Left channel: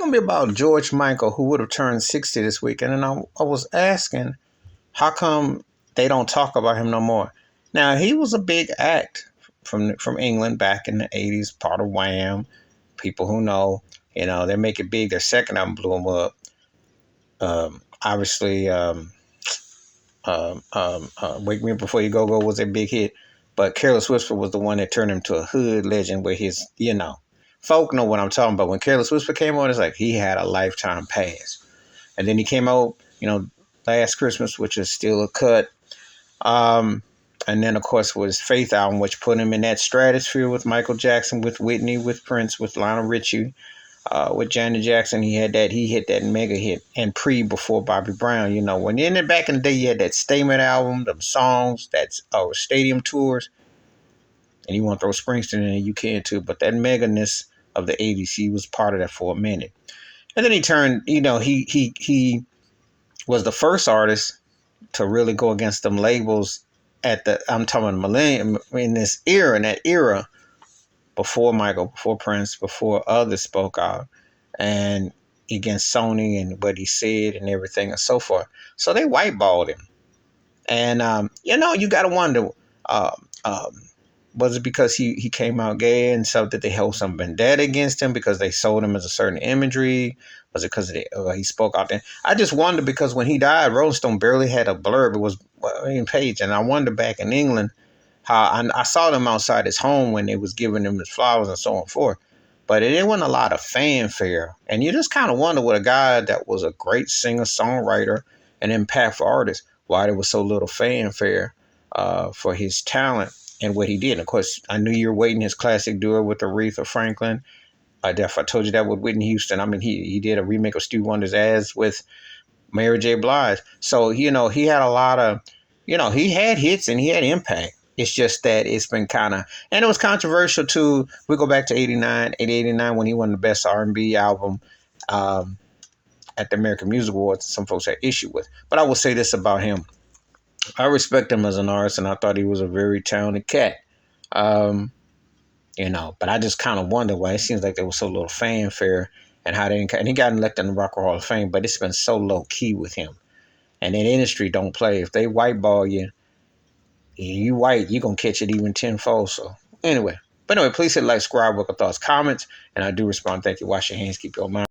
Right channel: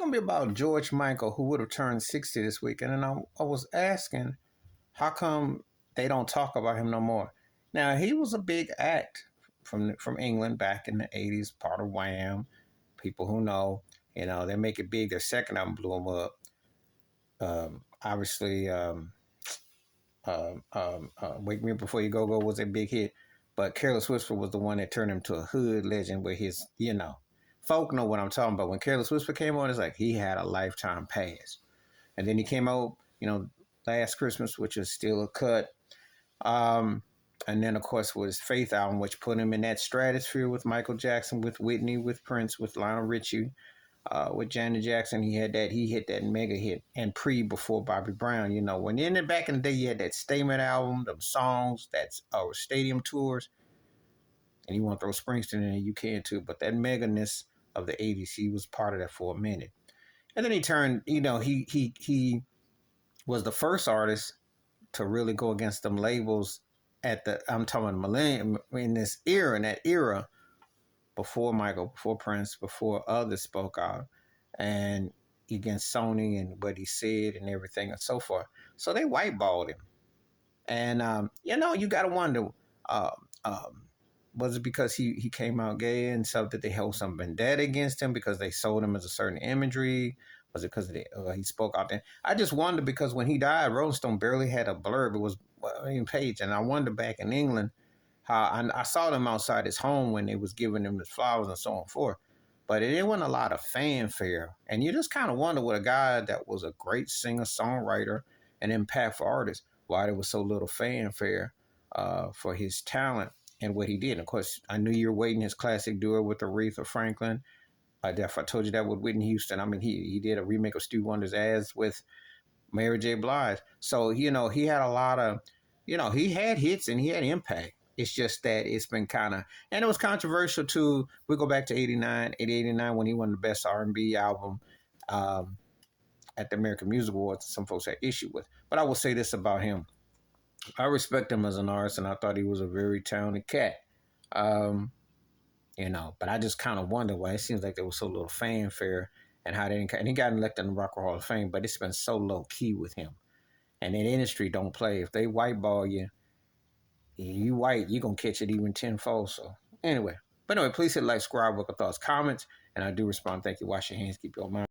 gonna be about George Michael, who would have turned 60 this week. And then I was asking, how come they don't talk about him no more? Now he was a big act from England back in the 80s, part of Wham. People who know, they make it big. Their second album blew him up. Obviously, Wake Me Up Before You Go was a big hit, but Careless Whisper was the one that turned him to a hood legend with his, folk know what I'm talking about. When Careless Whisper came on, it's like he had a lifetime pass. And then he came out, Last Christmas, which is still a cut. And then, of course, was Faith album, which put him in that stratosphere with Michael Jackson, with Whitney, with Prince, with Lionel Richie, with Janet Jackson. He hit that mega hit, and before Bobby Brown. When back in the day, you had that Statement album, them songs, that's stadium tours, and you want to throw Springsteen in, you can too. But that meganess of the '80s, he was part of that for a minute. And then he turned, he was the first artist to really go against them labels I'm talking millennium, in that era, before Michael, before Prince, before others spoke out, and against Sony and what he said and everything and so forth. So they whiteballed him. And, you got to wonder, was it because he came out gay and so did they hold some vendetta against him because they sold him as a certain imagery? Was it because he spoke out there? I just wonder, because when he died, Rolling Stone barely had a blurb. It was a page. And I wonder back in England how I saw them outside his home when they was giving him his flowers and so on and forth. But it wasn't a lot of fanfare. And you just kind of wonder what a guy that was a great singer, songwriter, and impactful artist, why there was so little fanfare for his talent and what he did. And of course, I Knew You're Waiting, his classic duo with Aretha Franklin. I told you that with Whitney Houston. I mean, he did a remake of Stevie Wonder's As with Mary J. Blige. So, he had a lot of, he had hits and he had impact. It's just that it's been and it was controversial too. We go back to 89 when he won the best R&B album at the American Music Awards. Some folks had issue with. But I will say this about him. I respect him as an artist, and I thought he was a very talented cat. But I just kind of wonder why it seems like there was so little fanfare and how they didn't. And he got elected in the Rock and Roll Hall of Fame, but it's been so low key with him. And in industry don't play. If they whiteball you, you white, you gonna catch it even tenfold. So anyway, please hit like, subscribe, look at thoughts, comments, and I do respond. Thank you. Wash your hands, keep your mind.